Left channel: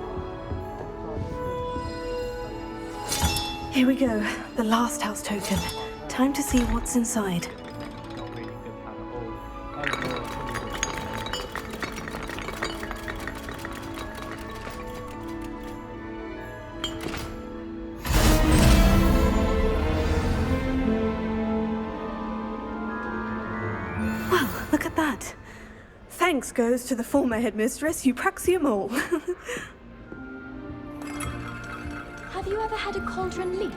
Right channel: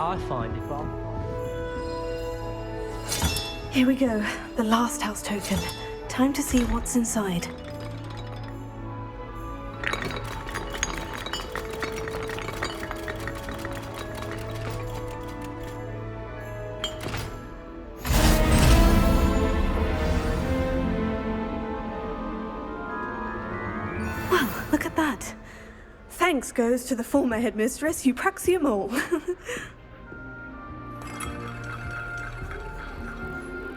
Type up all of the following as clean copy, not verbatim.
I find it. Here we go, the last house token. Time to see what's inside. Well, look at that. Thanks goes to the former headmistress, Eupraxia Mole. Have you ever had a cauldron leak?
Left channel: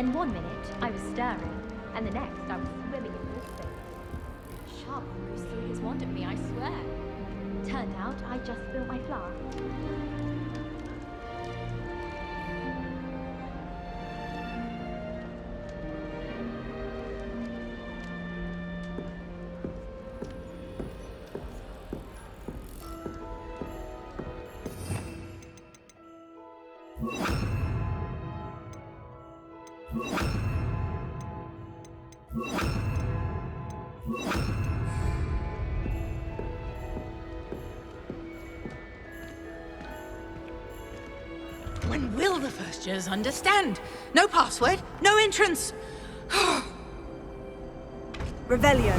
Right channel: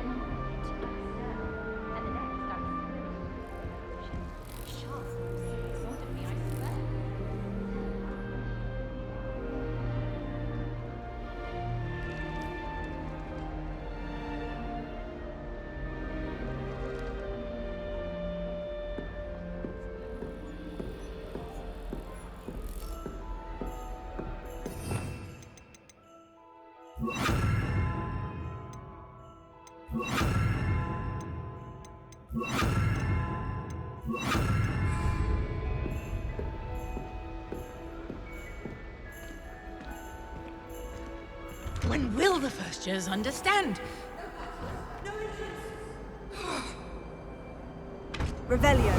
then one minute I was stirring, and the next I was swimming in this beverage. Sharks most serious wanted me, I swear. Turned out I just spilled my flask. When will the first years understand? No password, no entrance. Revelio.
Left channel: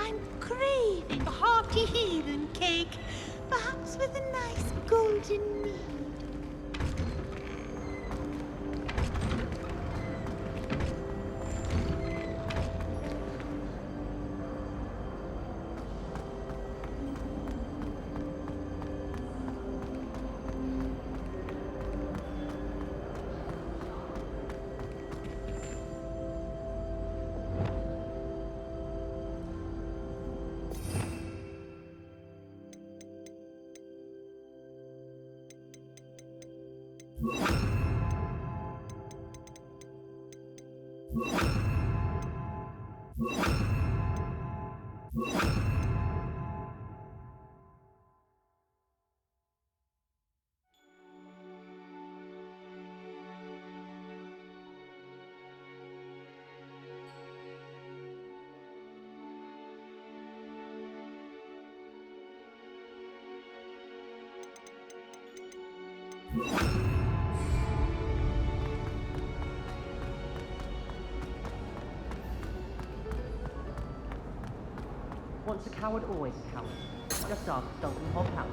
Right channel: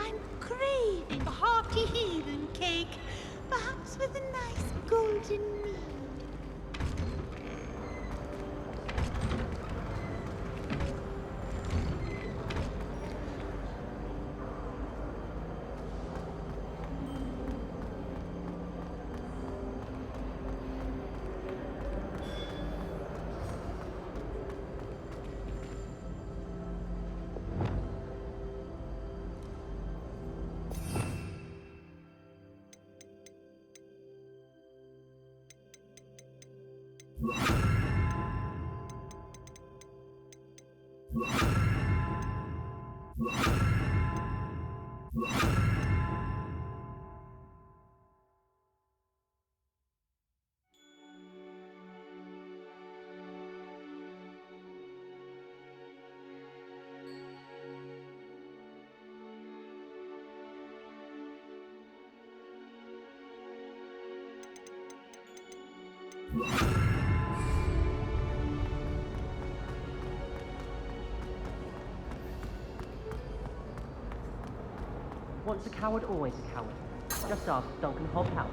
I'm craving a hearty heathen cake, perhaps with a nice golden mead. Once a coward, always a coward. Just ask Duncan Hobhouse.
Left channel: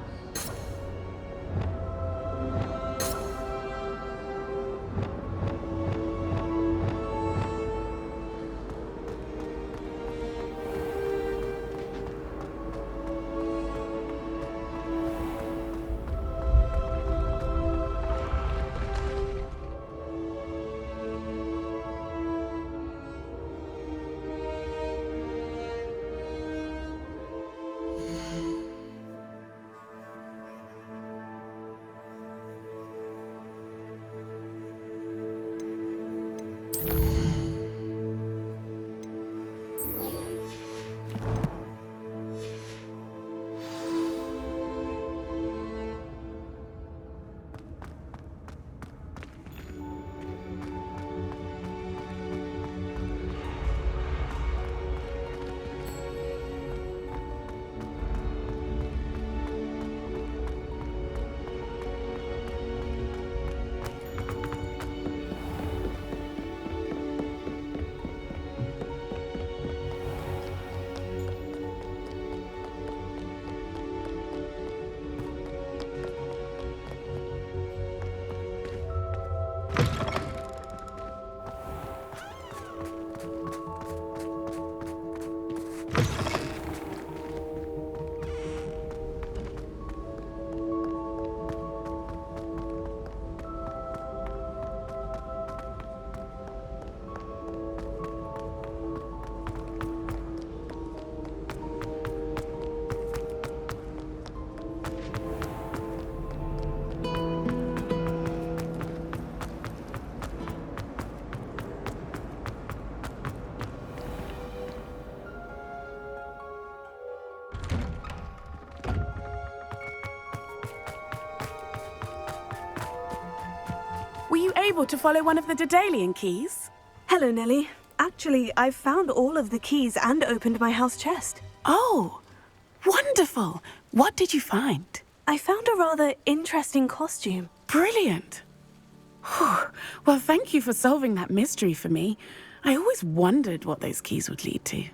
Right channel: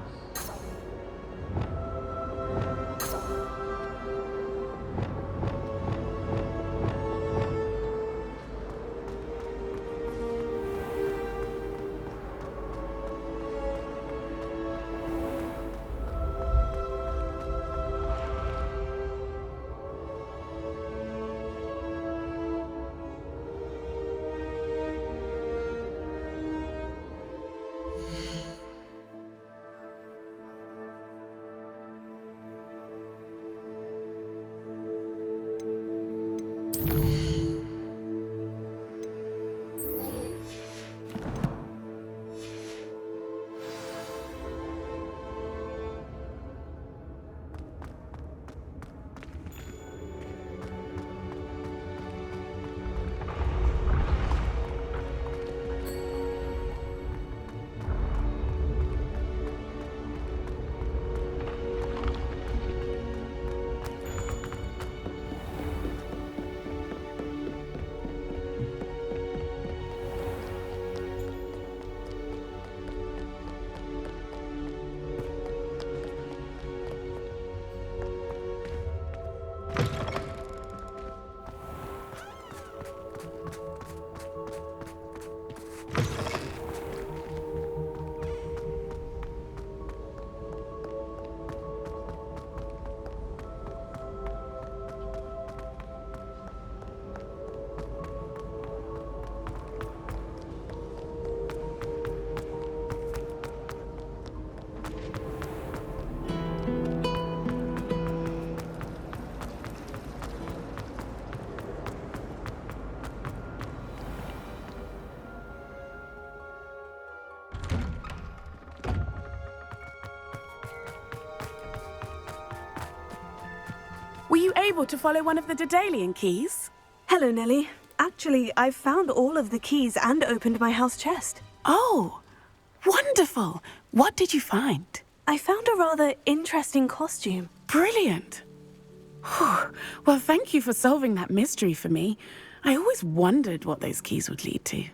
Were you able to follow one of the Daedalian keys? Hello, Nellie. Actually, I've found all of the keys and opened my house chest. Oh, wonderful. What did you find? I found a rather interesting costume. Brilliant. Whew. Well, thank you for solving that mystery for me. I always wondered what those keys would lead to.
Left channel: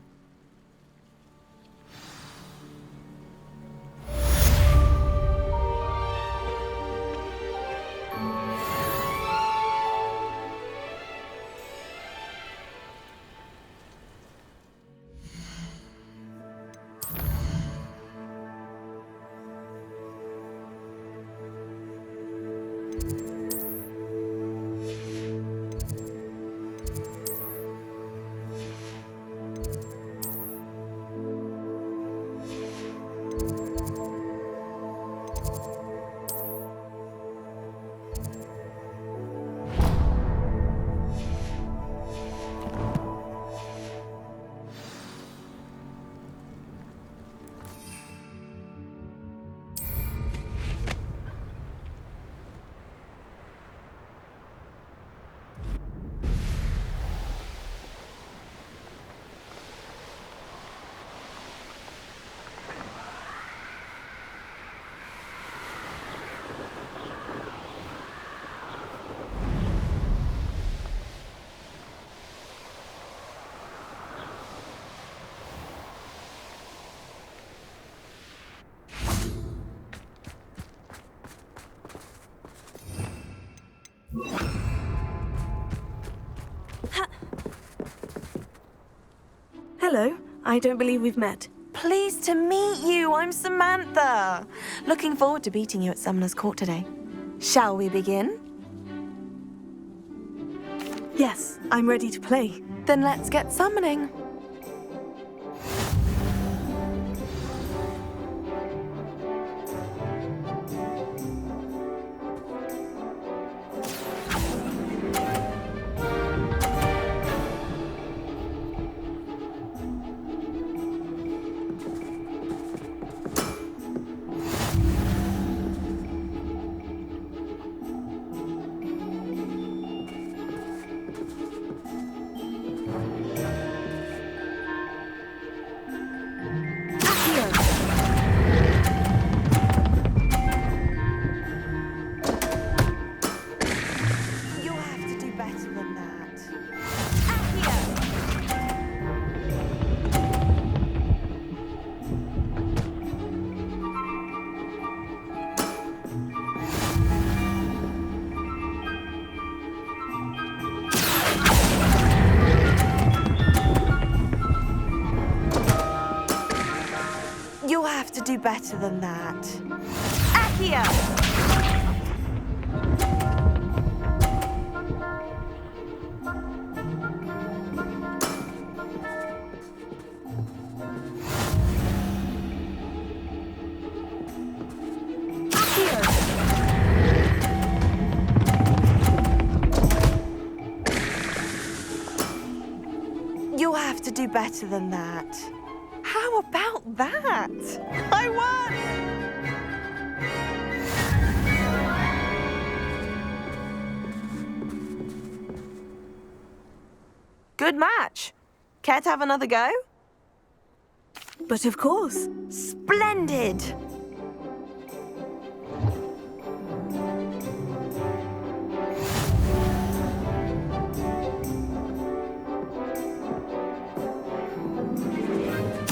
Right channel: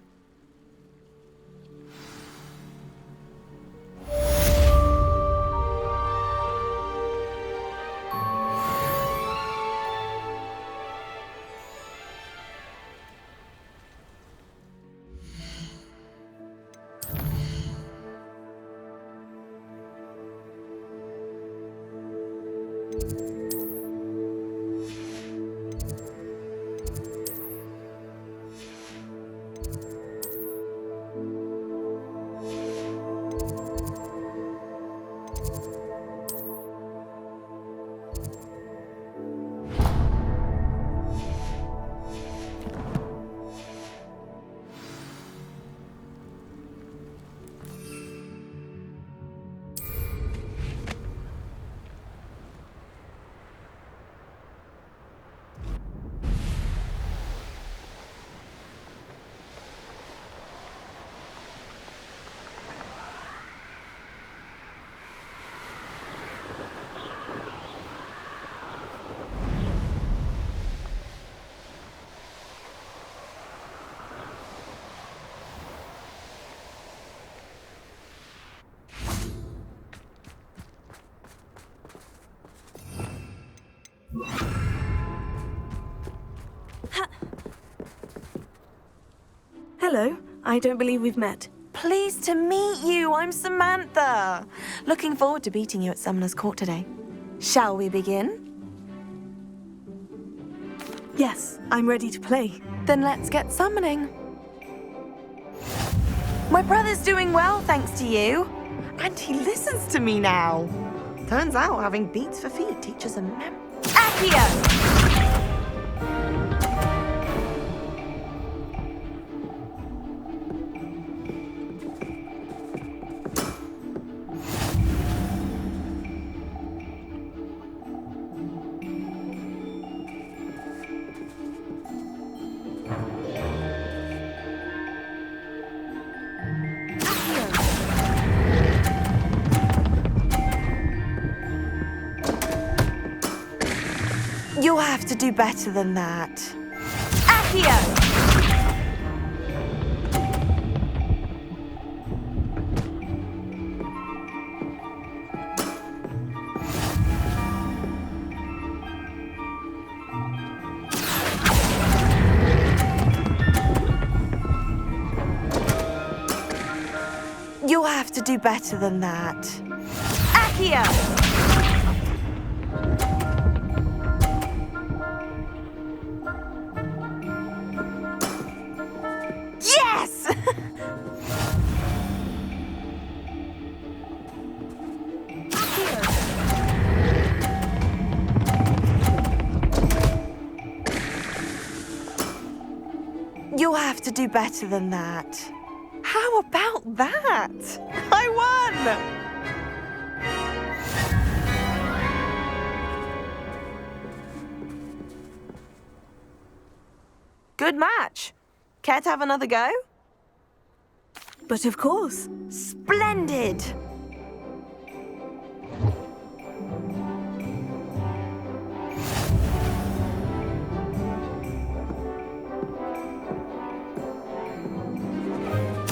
Hello, I don't believe we've met. Pleased to meet you. I'm Samantha. Looking forward to beating you at Summoner's Court today. Shall we begin? Yes, I'm ready to play. Then let's get summoning. My brother's doing well, thanks to you. And he listens to me now. Turns out having beats for feet teaches a Accio! You'll have to do better than that. Accio! You'll have to do better than that. Accio! Yes! You'll have to do better than that. How about that? I won! Good match. Care to have another go? But of course. Splendid!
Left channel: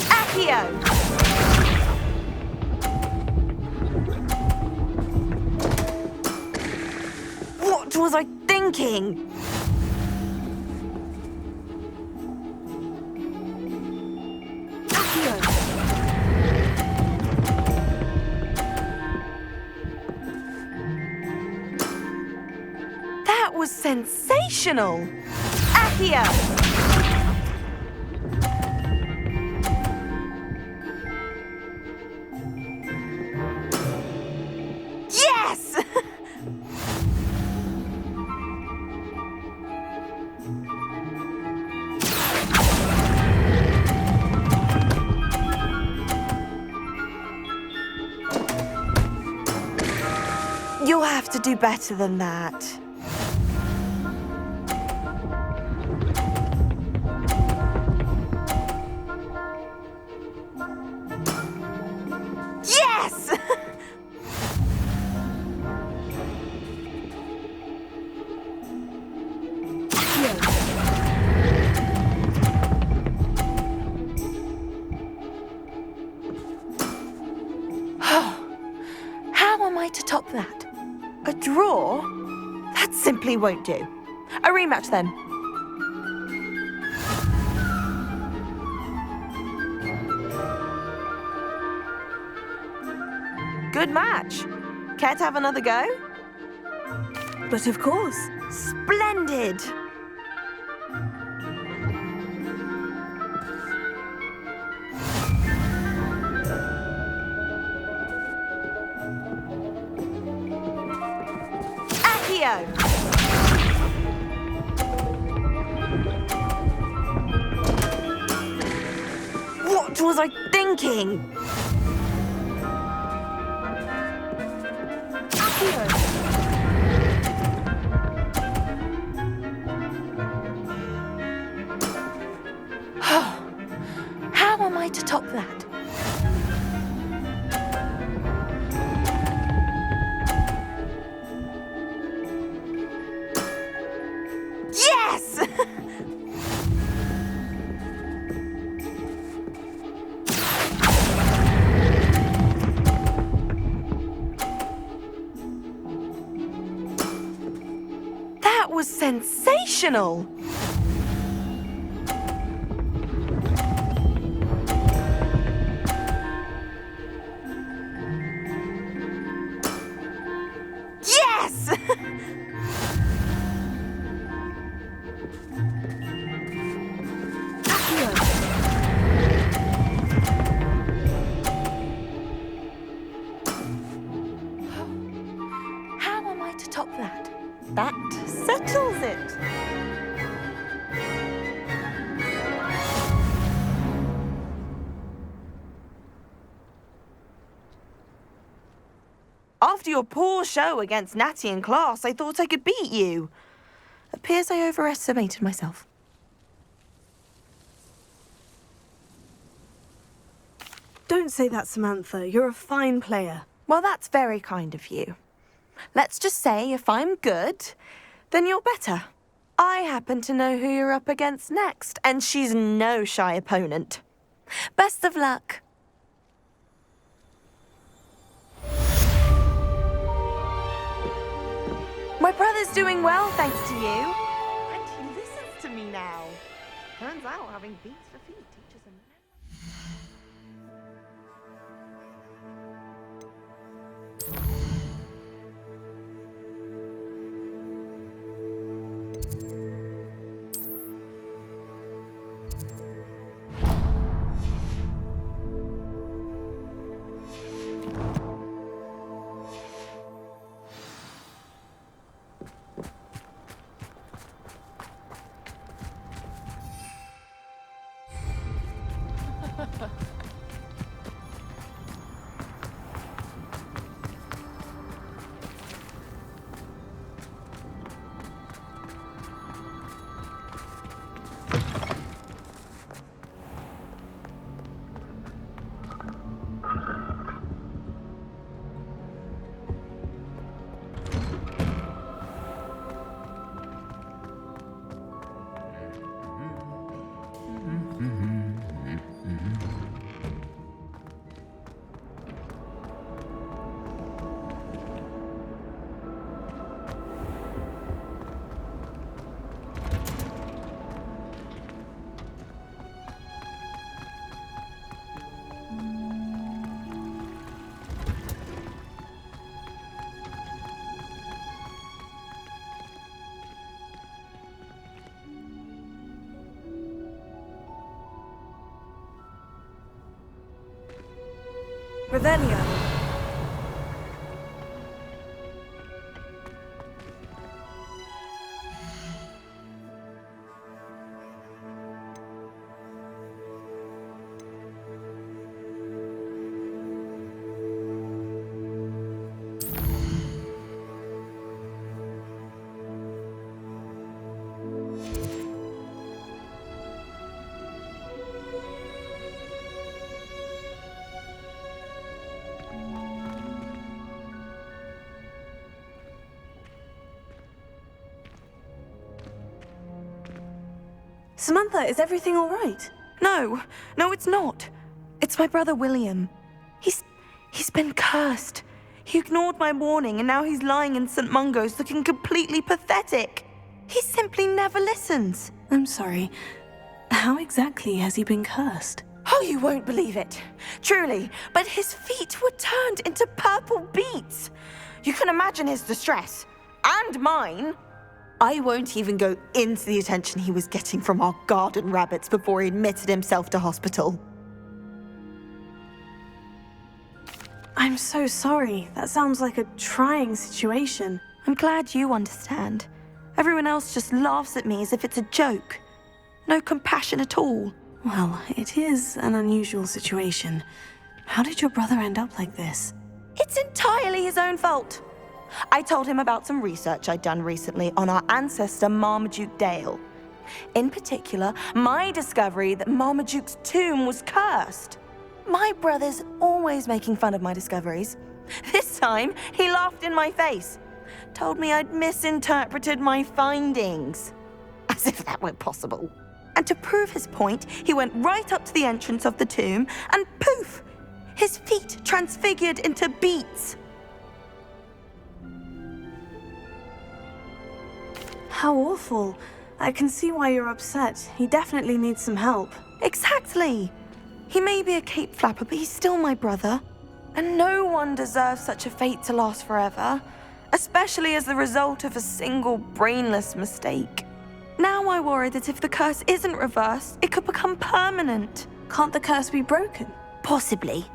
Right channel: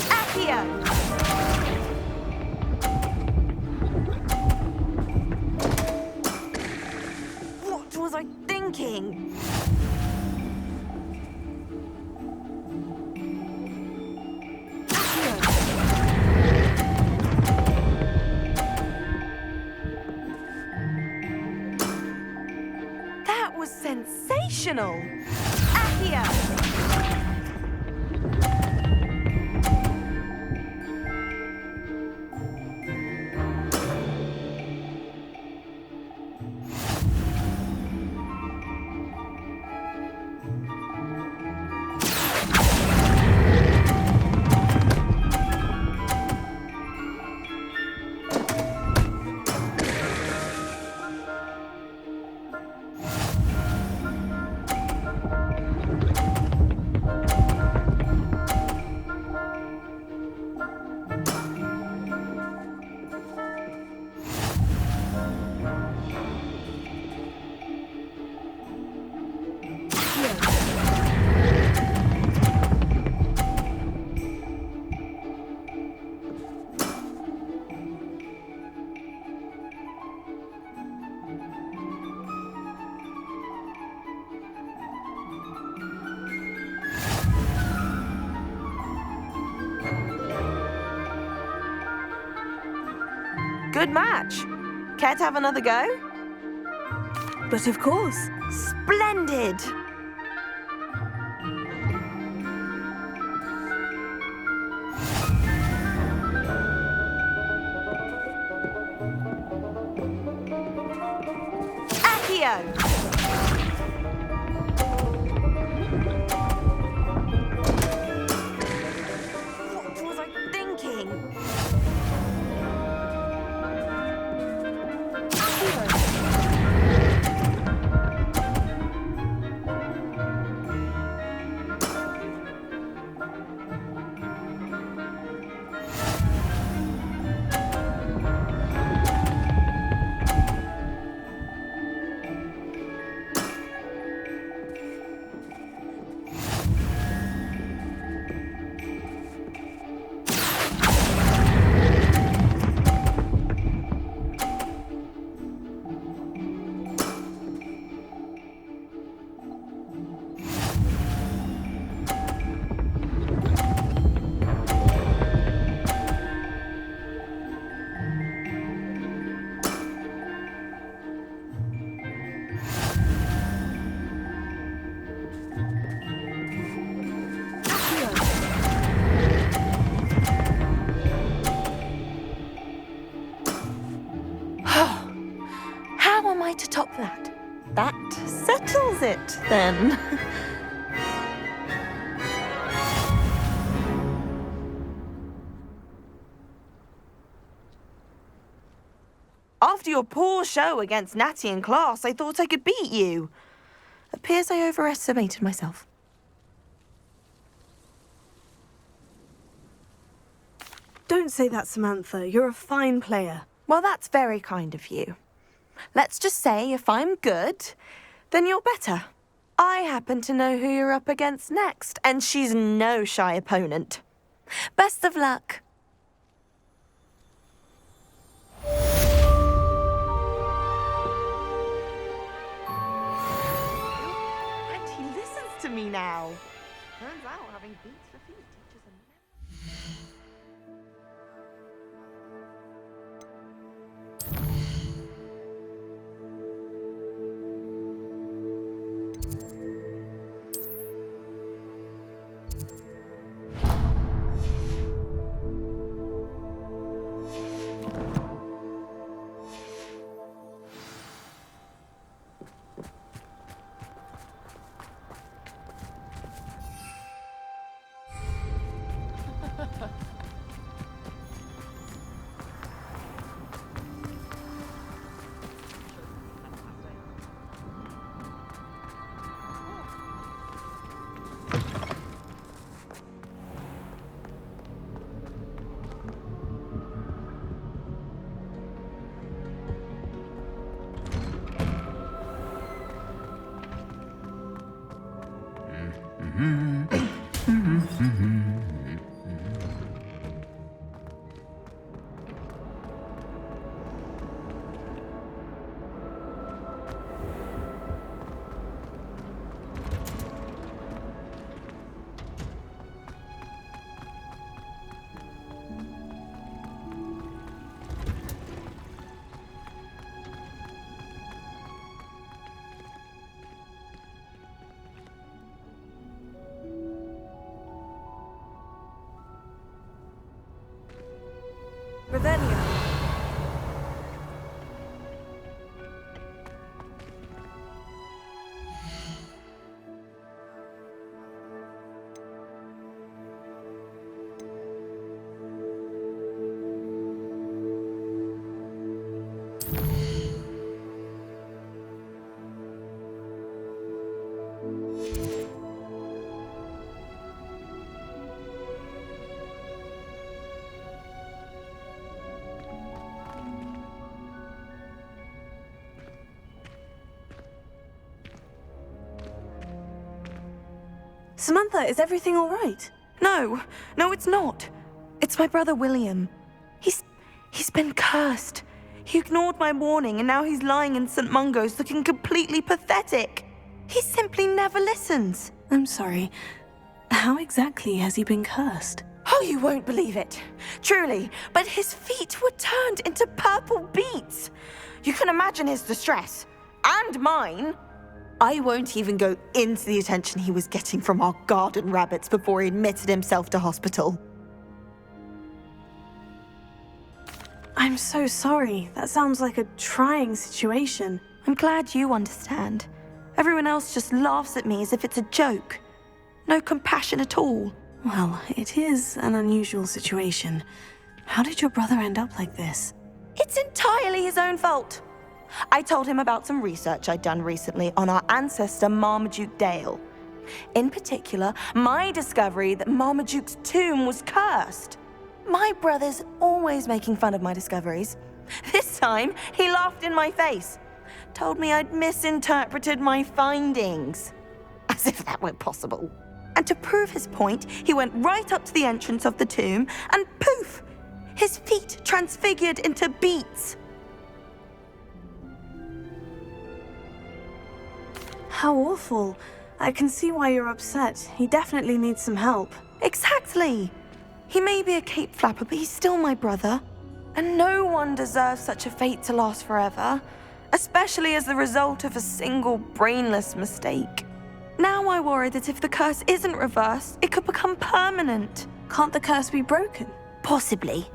Accio! What was I thinking? That was sensational! Accio! Yes! You'll have to do better than that. Yes! How am I to top that? A draw? That simply won't do. A rematch then. Good match. Care to have another go? But of course. Splendid! Accio! What was I thinking? How am I to top that? Yes! That was sensational! Yes! How am I to top that? That settles it, then. After your poor show against Natty in class, I thought I could beat you. Appears I overestimated myself. Don't say that, Samantha. You're a fine player. Well, that's very kind of you. Let's just say if I'm good, then you're better. I happen to know who you're up against next, and she's no shy opponent. Best of luck. My brother's doing well, thanks to you. And he listens to me now. Turns out having beats for feet teaches a memory. Revelio. Samantha, is everything all right? No, it's not. It's my brother William. He's been cursed. He ignored my warning and now he's lying in St. Mungo's looking completely pathetic. He simply never listens. I'm sorry. How exactly has he been cursed? Oh, you won't believe it. Truly, but his feet were turned into purple beets. You can imagine his distress. and mine. I won't even go into the attention he was getting from our garden rabbits before he admitted himself to hospital. I'm so sorry. That sounds like a trying situation. I'm glad you understand. Everyone else just laughs at me as if it's a joke. No compassion at all. Well, it is an unusual situation. How did your brother end up like this? It's entirely his own fault. I told him about some research I'd done recently on our ancestor Marmaduke Dale. In particular, my discovery that Marmaduke's tomb was cursed. My brother's always making fun of my discoveries. This time, he laughed in my face. Told me I'd misinterpreted my findings. As if that were possible. And to prove his point, he went right up to the entrance of the tomb and poof! His feet transfigured into beets. How awful. I can see why you're upset. He definitely needs some help. Exactly. He may be a cape flapper, but he's still my brother. And no one deserves such a fate to last forever, especially as the result of a single brainless mistake. Now I worry that if the curse isn't reversed, it could become permanent. Can't the curse be broken? Possibly.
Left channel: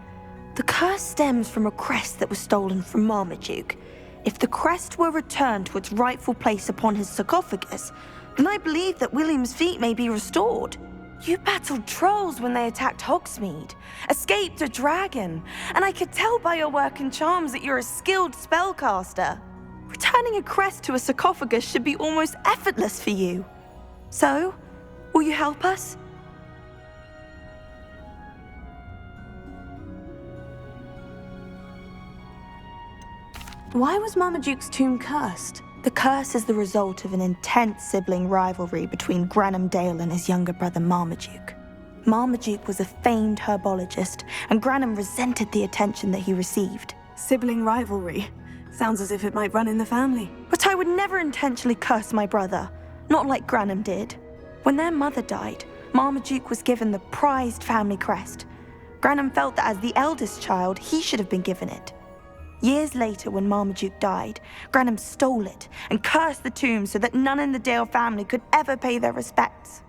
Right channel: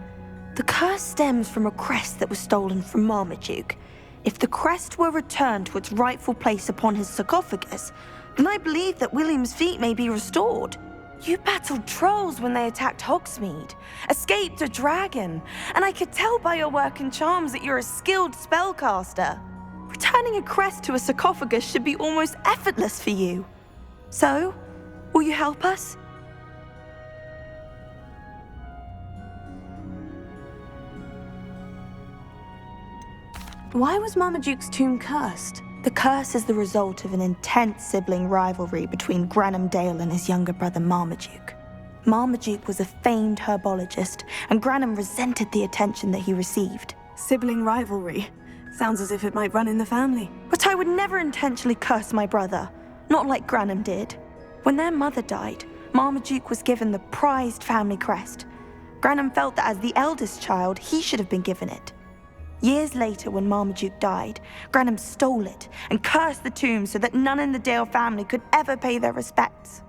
The curse stems from a crest that was stolen from Marmaduke. If the crest were returned to its rightful place upon his sarcophagus, then I believe that William's feet may be restored. You battled trolls when they attacked Hogsmeade, escaped a dragon, and I could tell by your work and charms that you're a skilled spellcaster. Returning a crest to a sarcophagus should be almost effortless for you. So, will you help us? Why was Marmaduke's tomb cursed? The curse is the result of an intense sibling rivalry between Granham Dale and his younger brother Marmaduke. Marmaduke was a famed herbologist, and Granham resented the attention that he received. Sibling rivalry. Sounds as if it might run in the family. But I would never intentionally curse my brother, not like Granham did. When their mother died, Marmaduke was given the prized family crest. Granham felt that as the eldest child, he should have been given it. Years later, when Marmaduke died, Granham stole it and cursed the tomb so that none in the Dale family could ever pay their respects.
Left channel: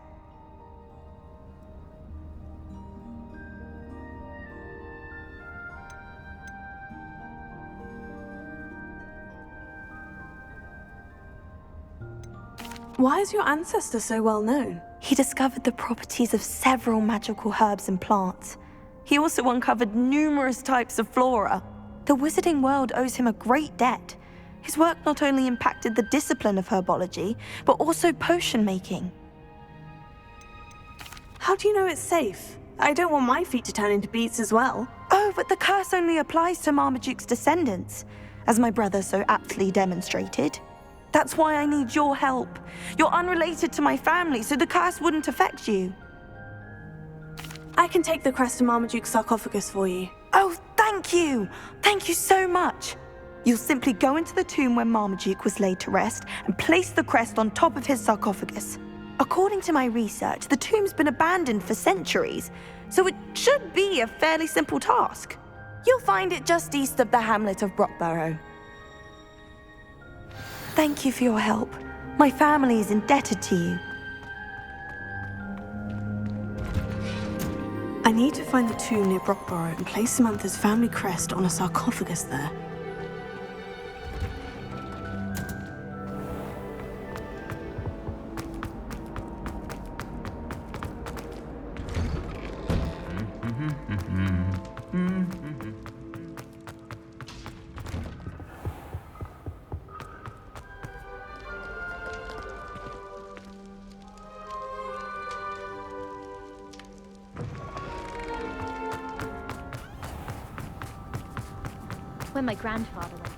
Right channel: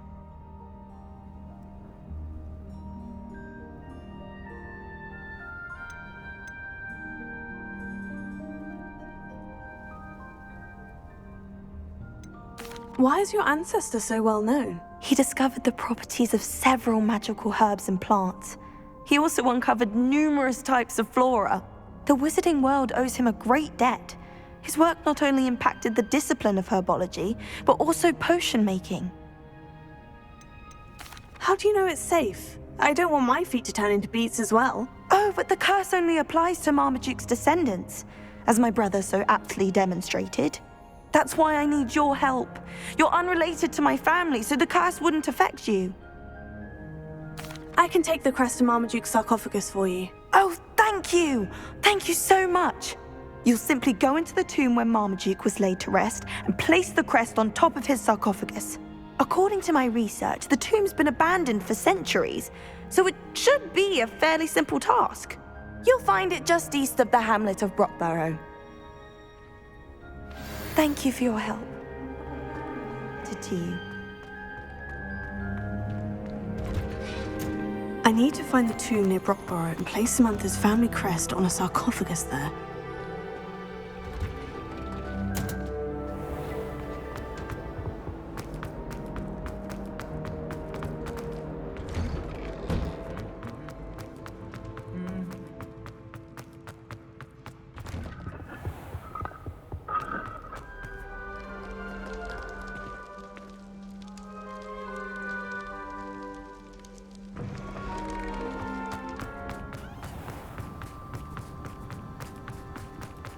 Why is your ancestor so well known? He discovered the properties of several magical herbs and plants. He also uncovered numerous types of flora. The wizarding world owes him a great debt. His work not only impacted the discipline of herbology, but also potion making. How do you know it's safe? I don't want my feet to turn into beets as well. Oh, but the curse only applies to Marmaduke's descendants, as my brother so aptly demonstrated. That's why I need your help. You're unrelated to my family, so the curse wouldn't affect you. I can take the crest to Marmaduke's sarcophagus for you. Oh, thank you! Thank you so much! You'll simply go into the tomb where Marmaduke was laid to rest and place the crest on top of his sarcophagus. According to my research, the tomb's been abandoned for centuries, so it should be a fairly simple task. You'll find it just east of the hamlet of Brockborough. Thank you for your help. My family is indebted to you. I need to find the tomb near Brockborough and place Samantha's family crest on a sarcophagus there. When my grandfather lived.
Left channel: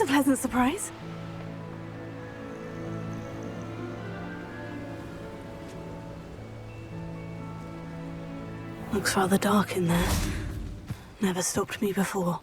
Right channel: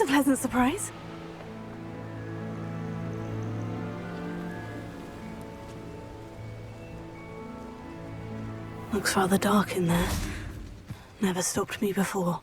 always a pleasant surprise. Looks rather dark in there. Never stopped me before.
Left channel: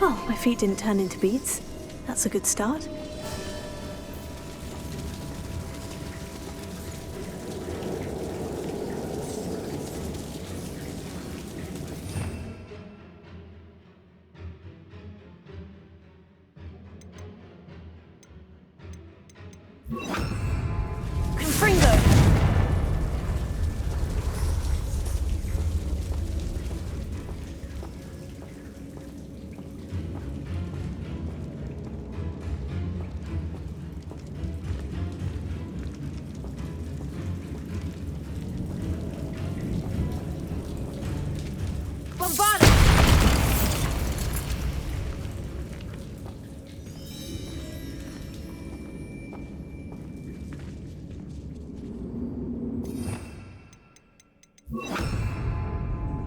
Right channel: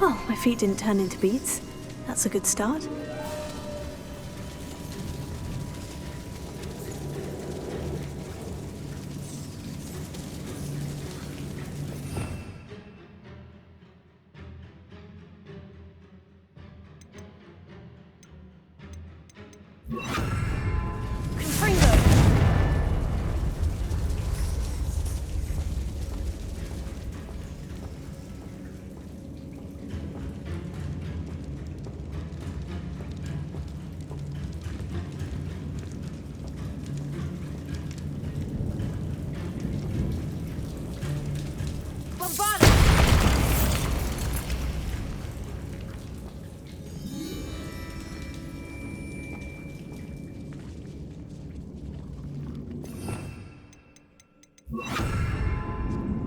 Well, my feet didn't turn into beads. That's a good start.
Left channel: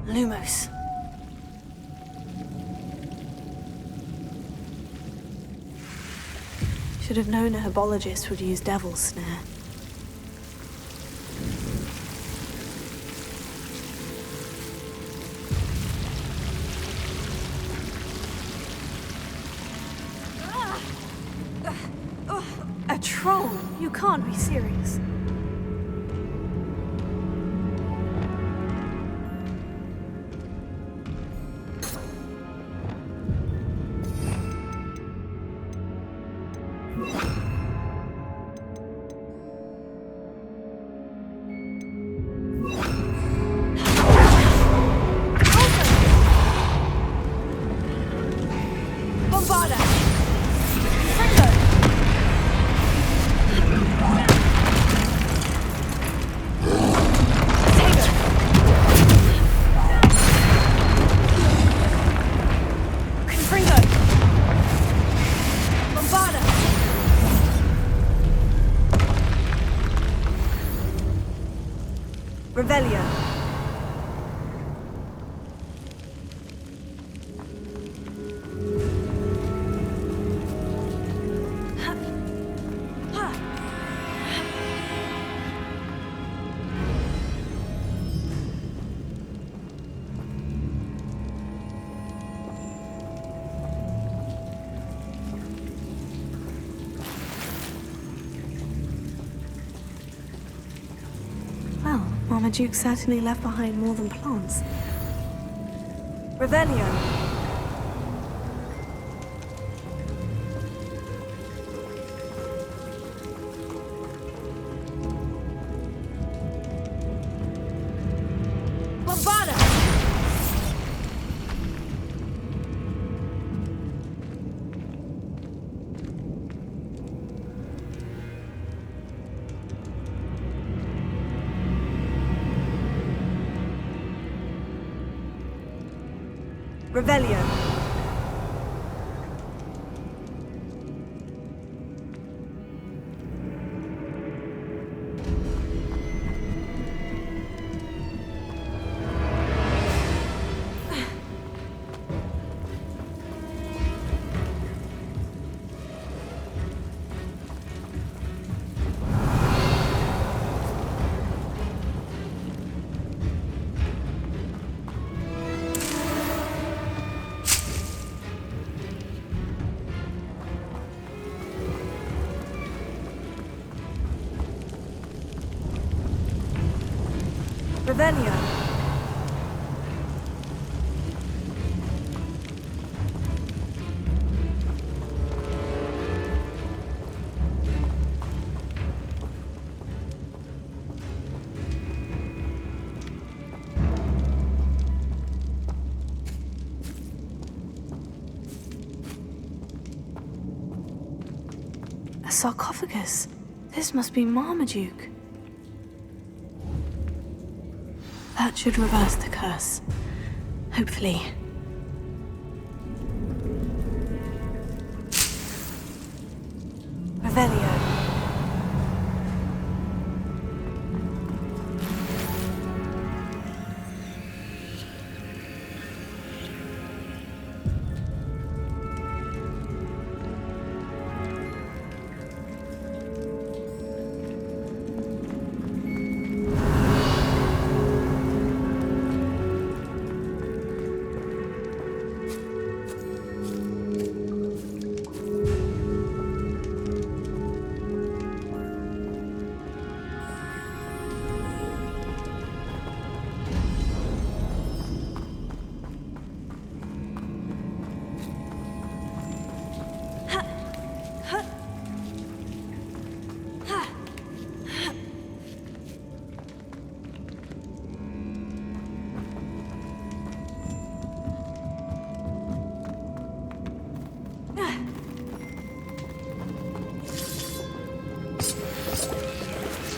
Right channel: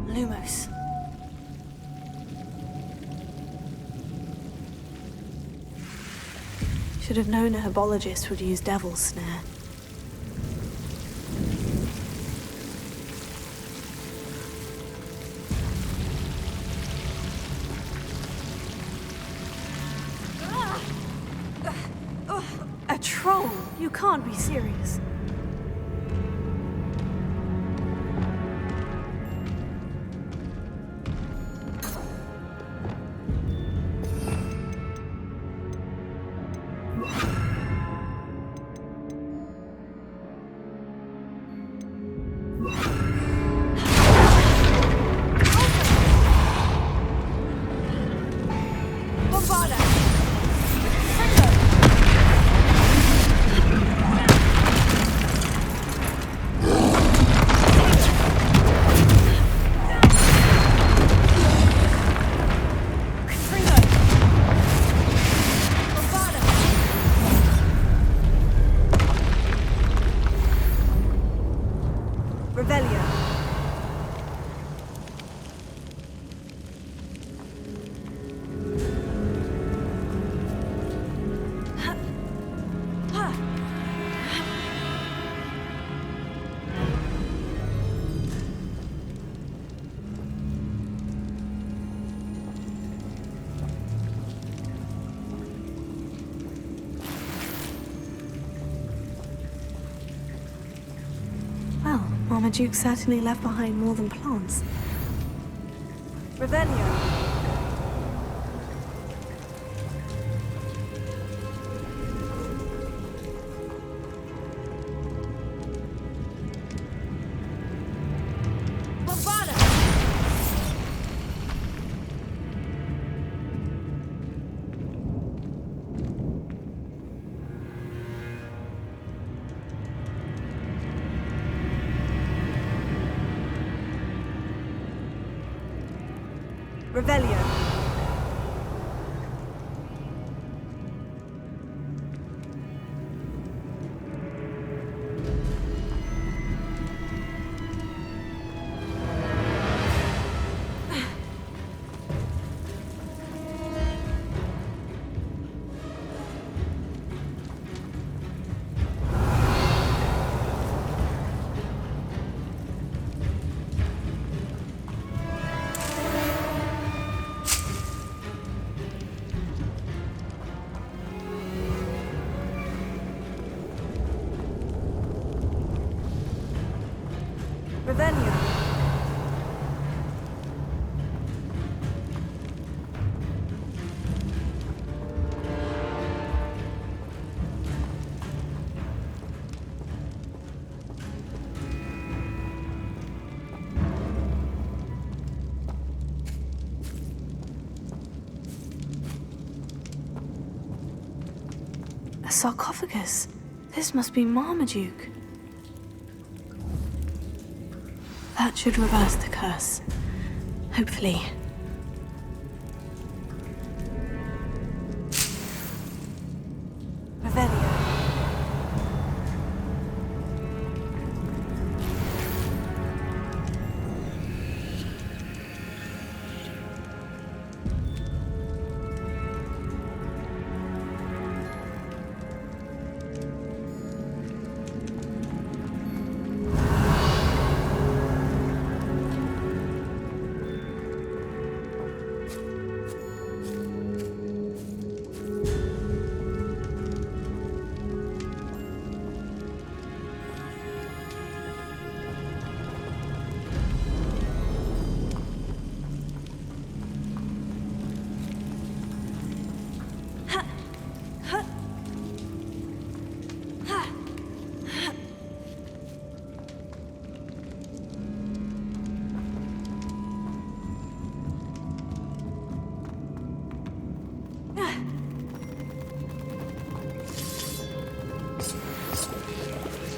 Lumos. Should have known a herbologist would use Devil's Snare. A troll? You can't be serious. Revelio. Well, Marmaduke certainly left behind more than plants. Revelio. Revelio. Revelio. A sarcophagus. This must be Marmaduke. That should reverse the curse. Hopefully. Revelio.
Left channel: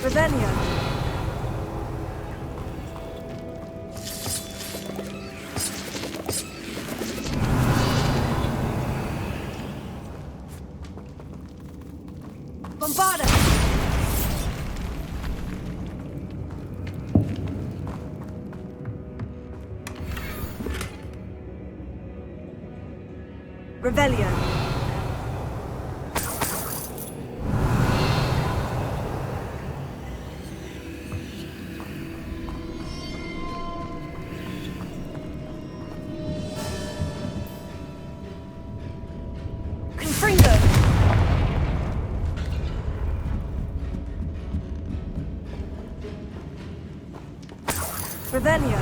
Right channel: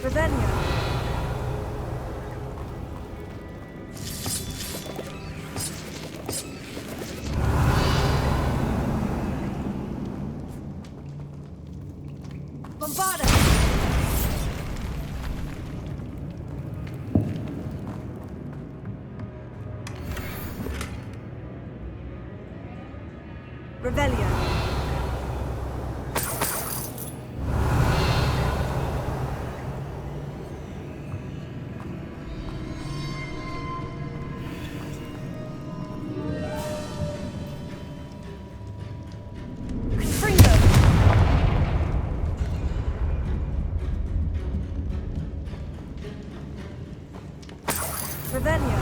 Revelio. Bombarda. Revelio. Revelio.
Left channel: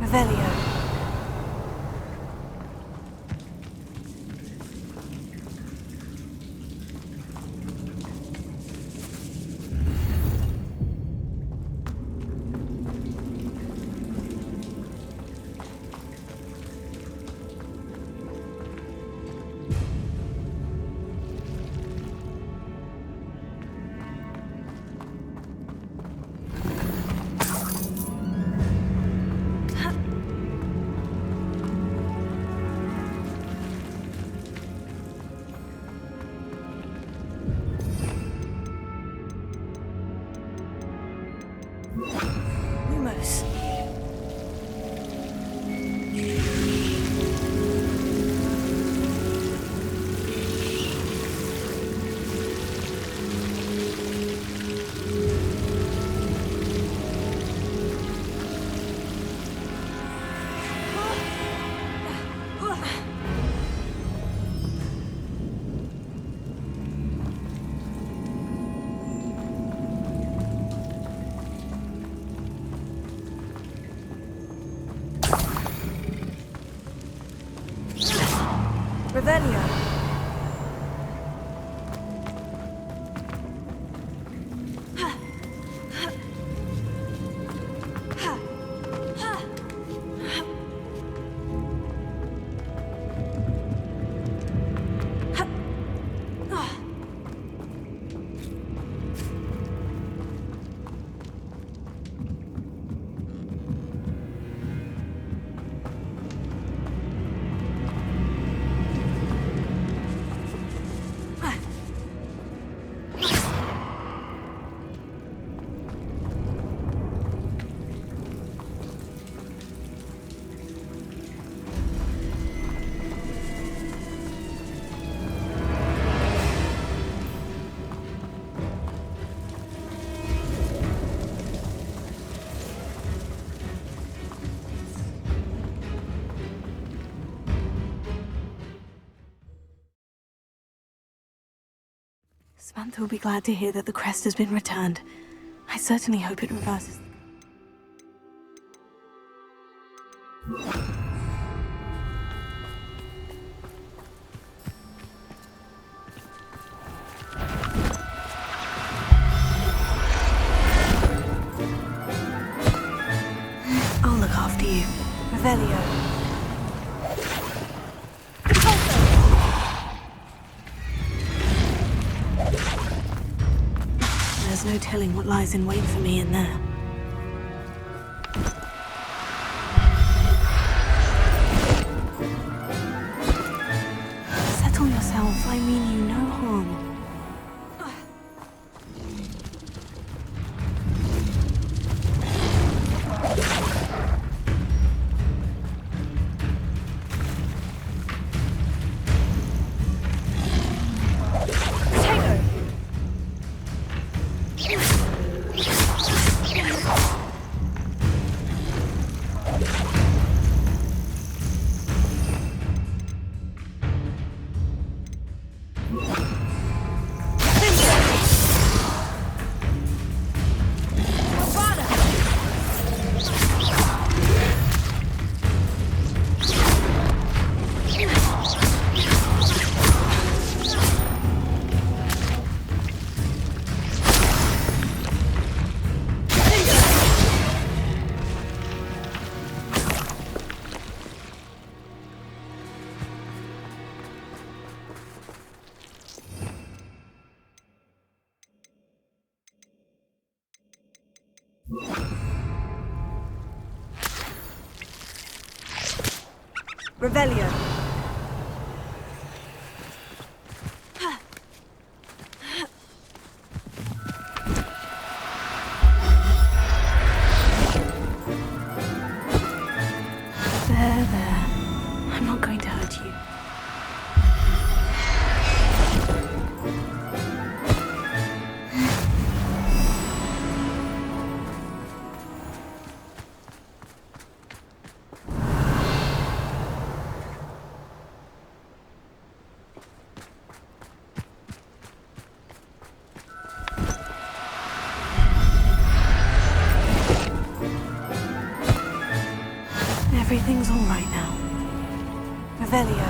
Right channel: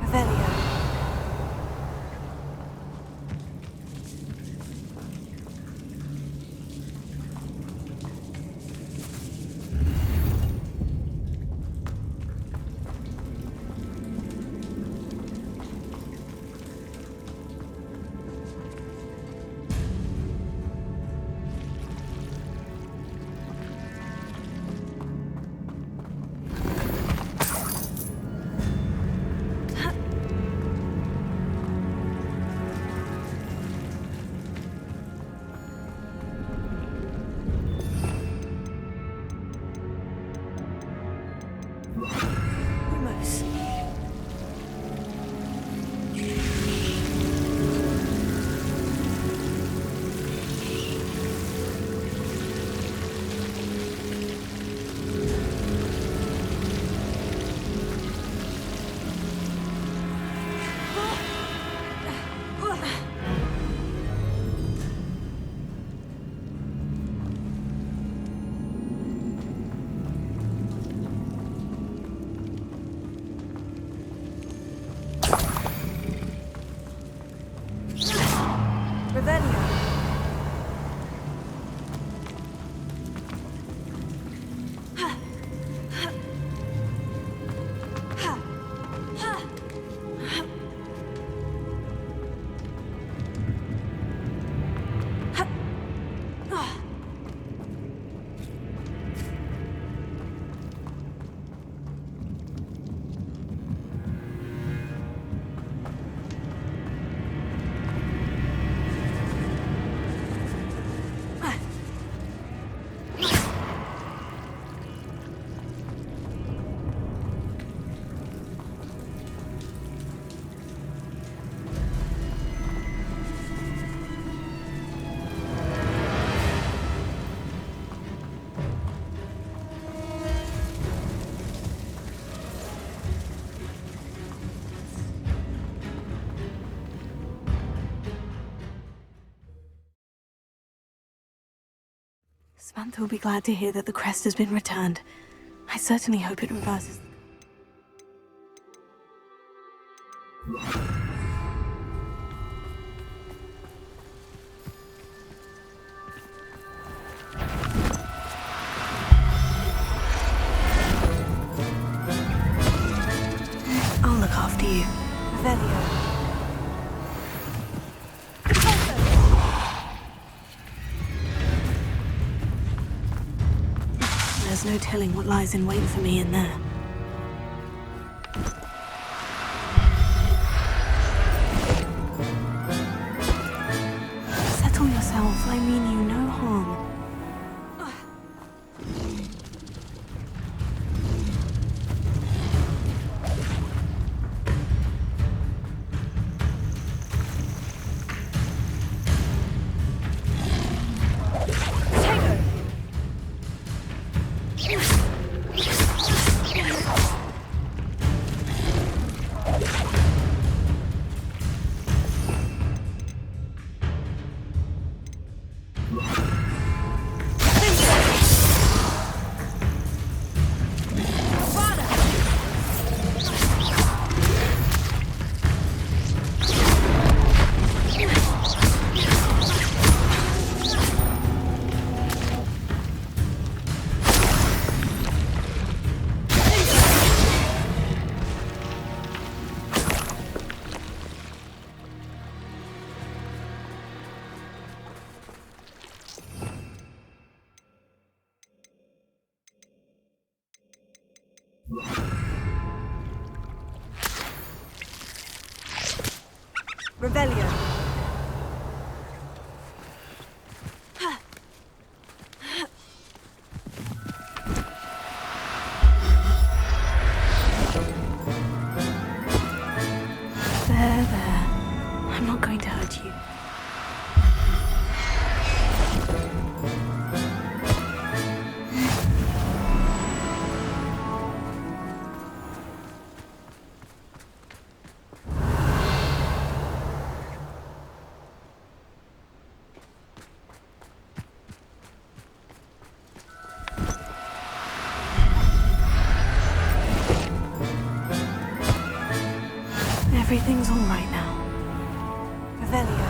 Revelio. Lumos. Samantha will be glad to hear that the crest has been returned. I certainly hope it reverses. I'll look after you. Revelio. There's no telling what lies in wait for me in there. Settle yourself. I mean you no harm. Revelio. There. I'm not going to hurt you. Everything's all right now. Revelio.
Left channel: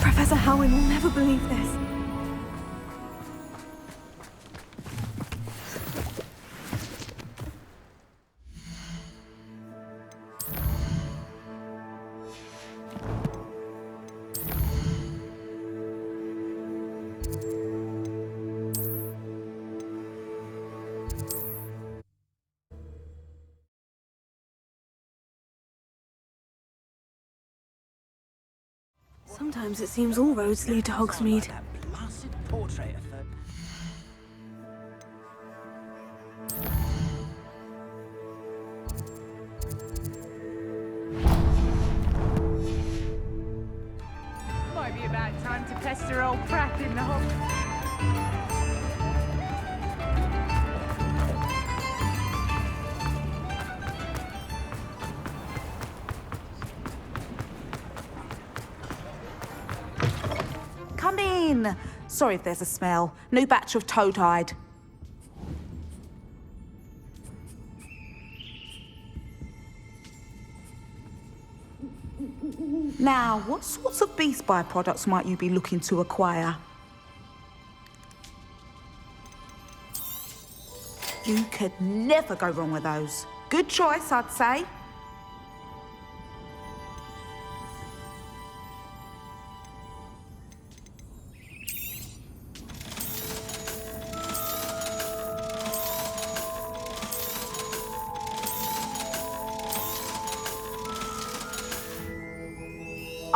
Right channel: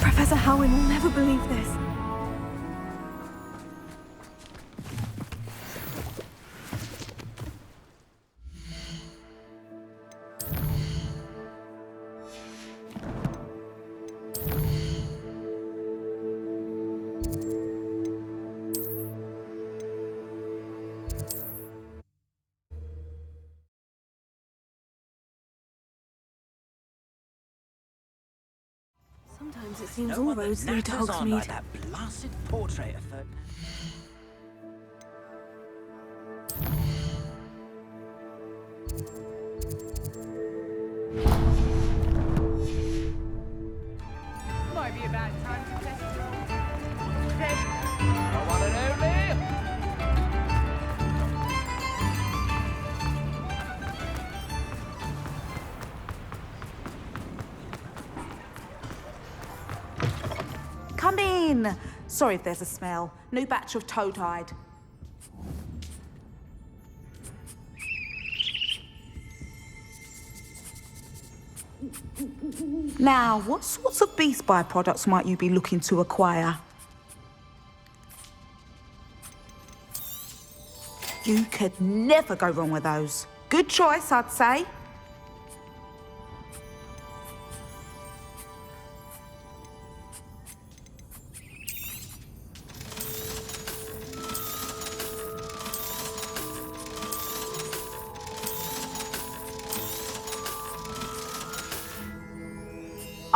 Professor Howin will never believe this. Sometimes it seems all roads lead to Hogsmeade. That blasted portrait of her. Might be about time to pester old Pratt in the whole thing. Come in. Sorry if there's a smell. New batch of toad-hide. Now, what sorts of beast byproducts might you be looking to acquire? You could never go wrong with those. Good choice, I'd say.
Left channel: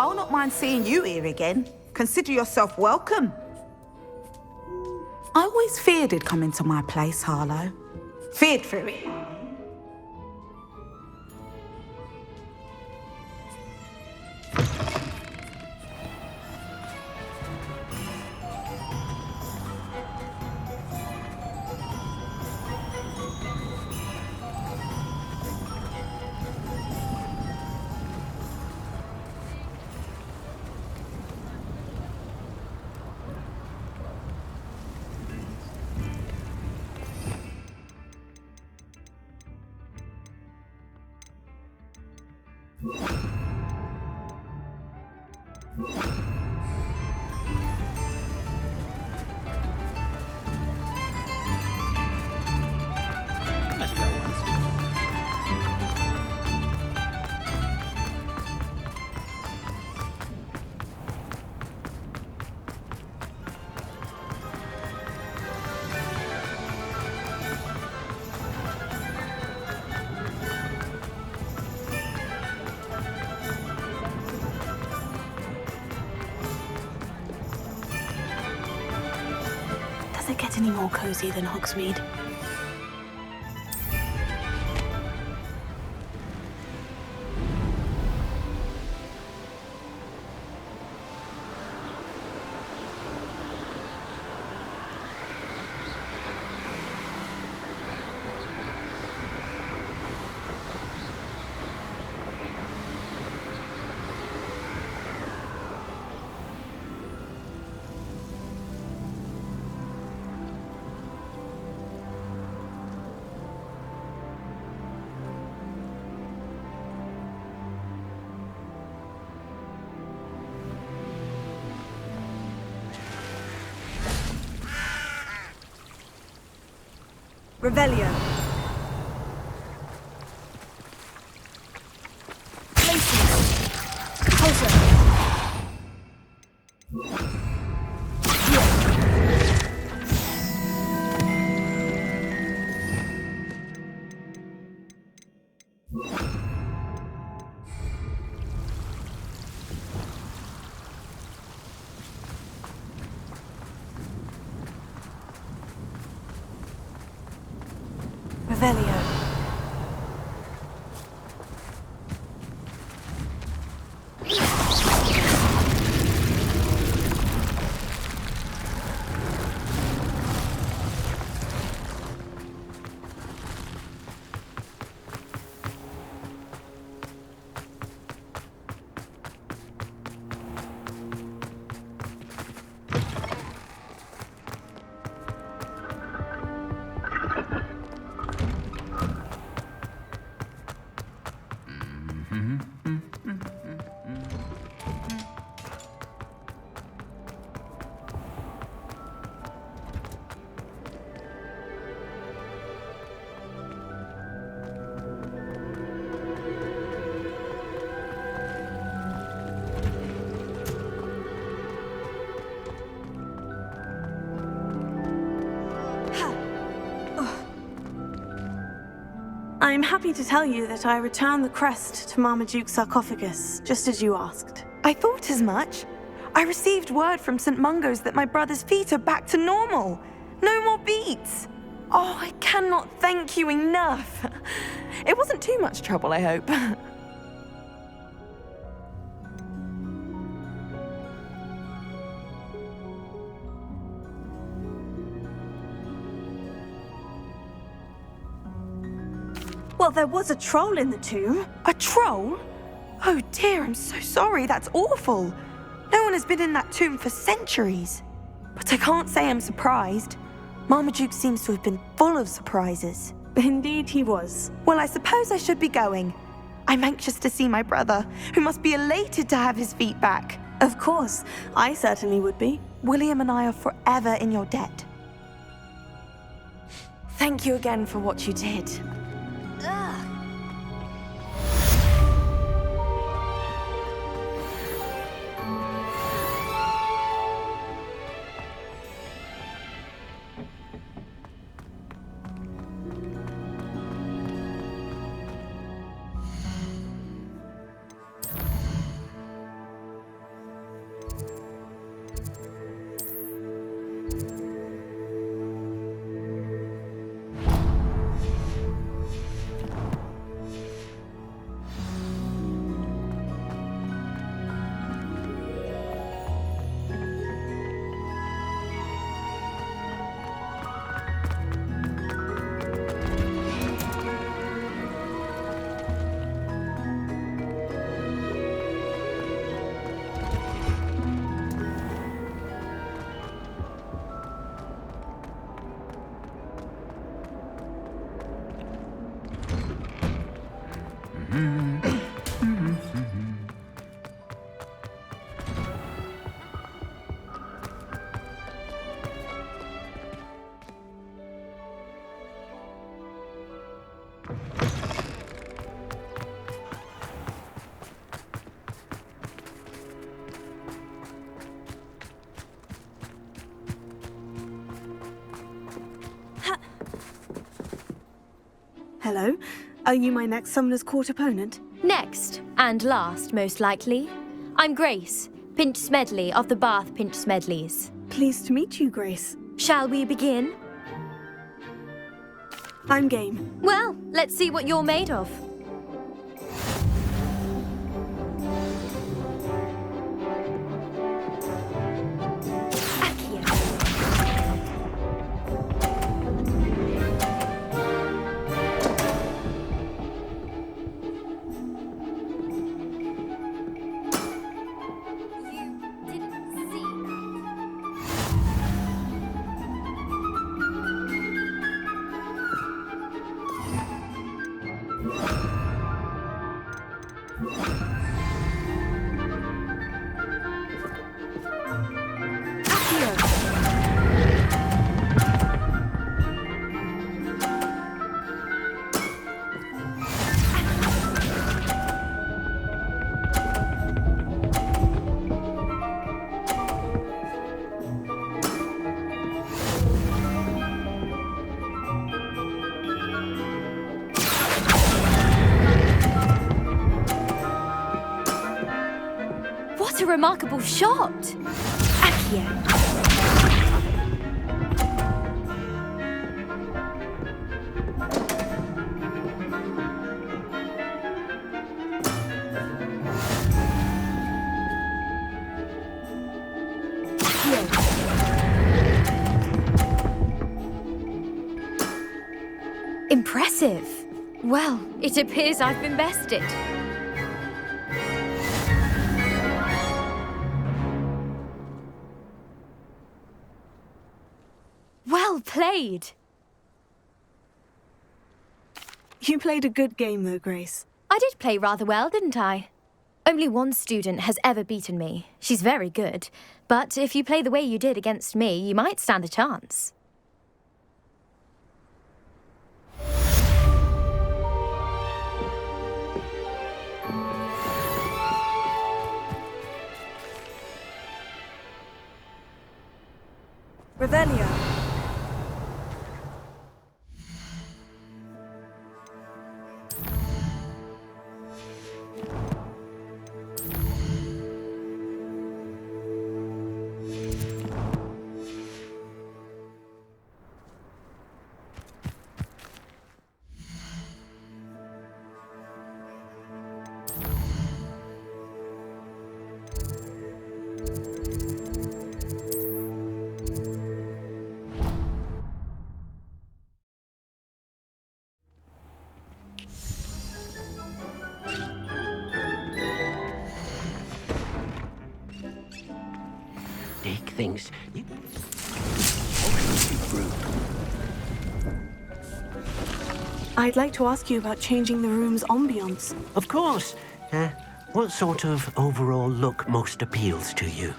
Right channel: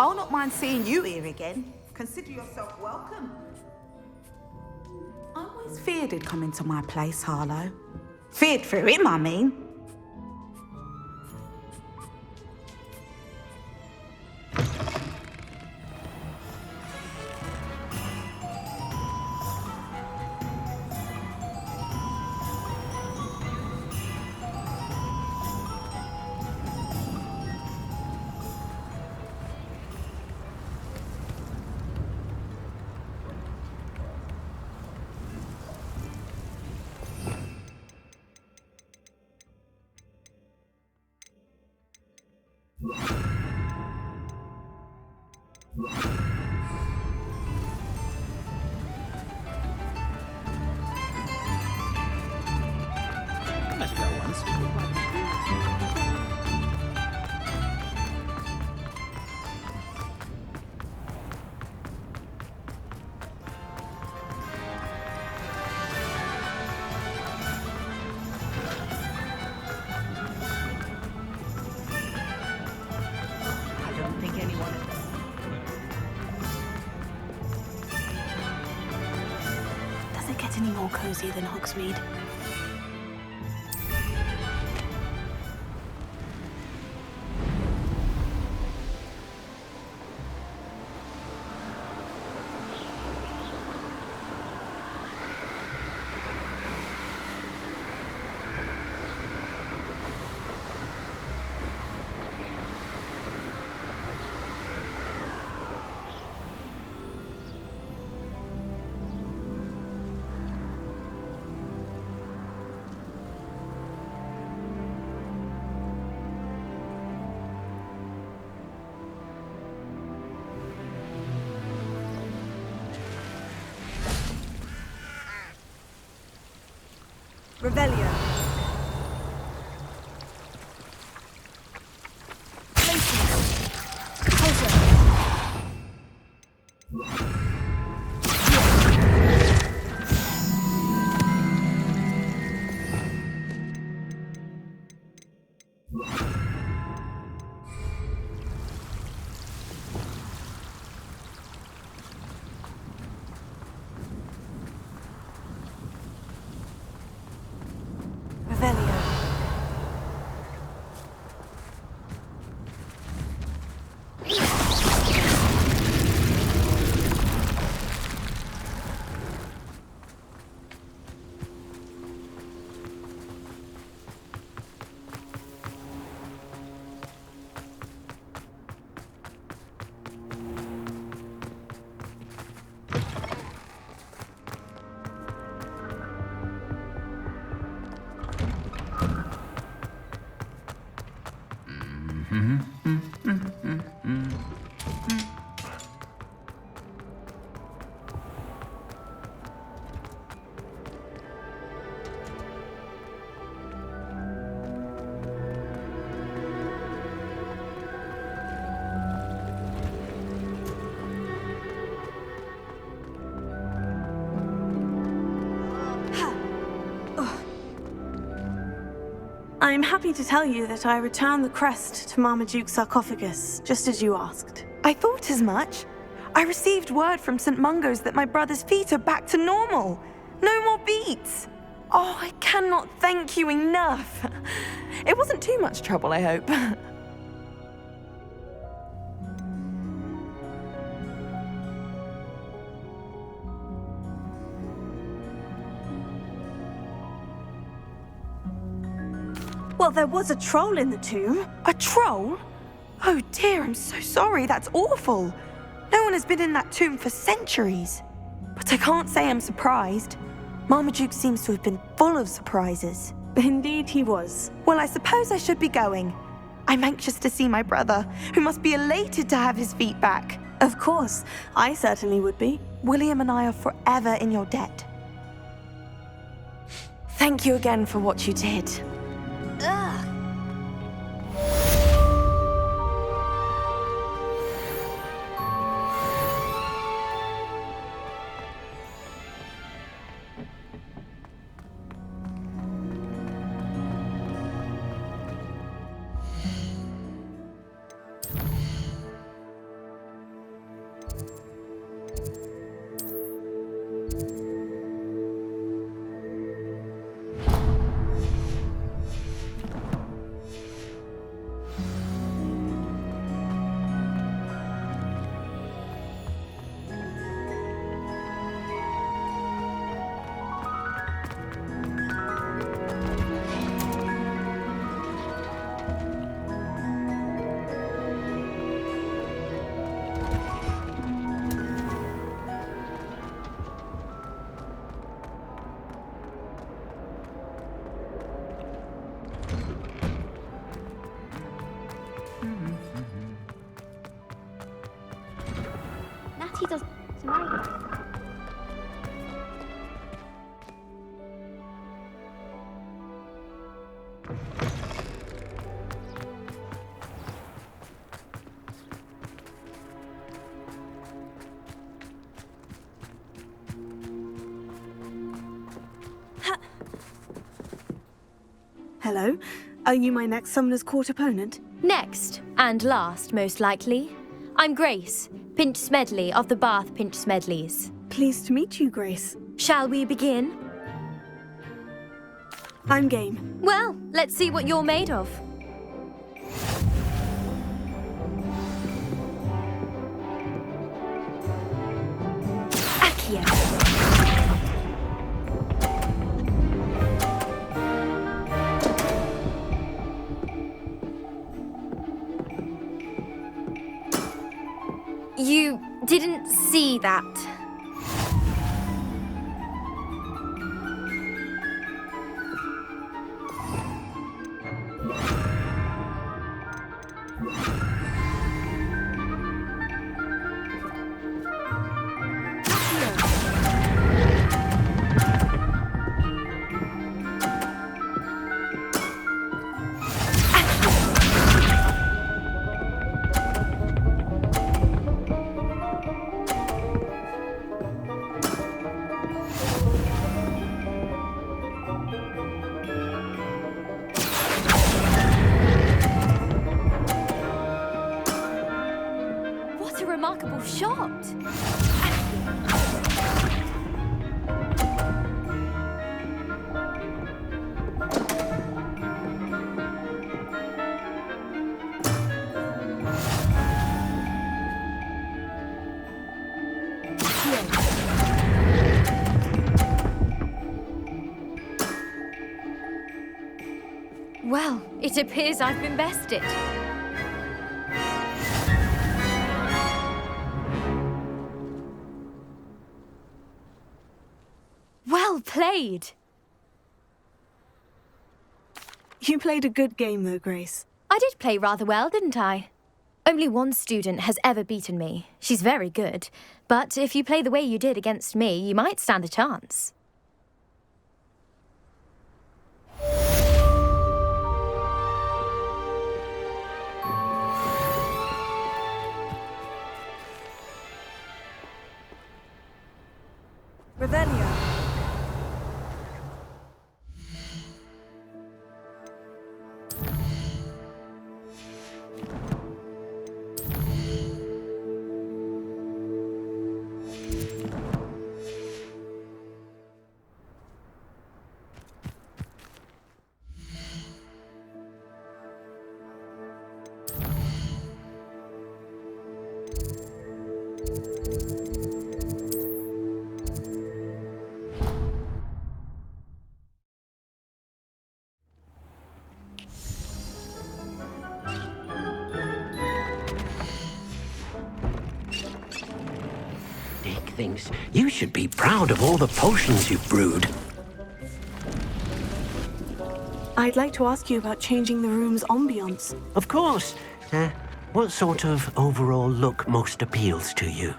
I'll not mind seeing you here again. Consider yourself welcome. I always feared he'd come into my place, Harlow. Feared for him, I mean. Does it get any more cozy than Hogsmeade? Revelio. Revelio. I'm happy to tell you that I returned the crest to Marmaduke's sarcophagus, just as you asked. I thought as much. I received word from St. Mungo's that my brother's feet are back to normal. No more beats. Oh, I cannot thank you enough. It wasn't too much trouble, I hope. Well, there was a troll in the tomb. A troll? Oh dear, I'm so sorry. That's awful. No one has been in that tomb for centuries. But I can't say I'm surprised. Marmaduke seems to have been full of surprises. Indeed he was. Well, I suppose I should be going. I'm anxious to see my brother, who must be elated to have his feet back. Of course, I certainly would be. William and I are forever in your debt. Thank you again for what you did. Ugh. Natty does tonight. Hello. Are you my next Summoner's Court opponent? Next, and last, most likely. I'm Grace, Pinch Smedley of the Bath Pinch Smedleys. Pleased to meet you, Grace. Shall we begin? I'm game. Well, let's see what you're made of. Accio. You didn't see that. What a remarkable shot! Accio. Impressive. Well, it appears I've been bested. Well played. You played a good game, though, Grace. I did play rather well, didn't I? Only one student has ever beaten me. She's very good. But if you play the way you did against me, you might stand a chance. Revelio. Dick thinks you should be proud of all the potions you've brewed. I'd like to ask you about changing the room's ambience. Of course. What sort of overall look most appeals to you?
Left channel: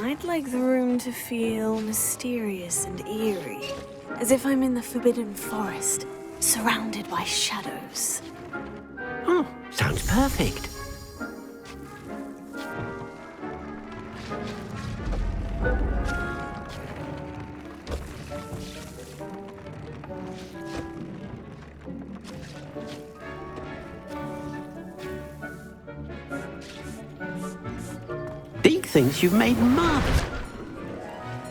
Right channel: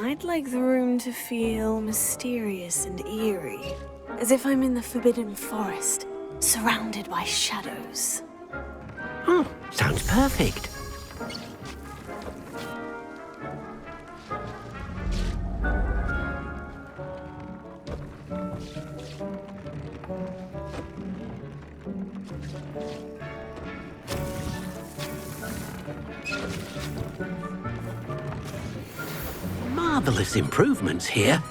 I'd like the room to feel mysterious and eerie, as if I'm in the Forbidden Forest, surrounded by shadows. Oh, sounds perfect. Deke thinks you've made marvelous improvements here.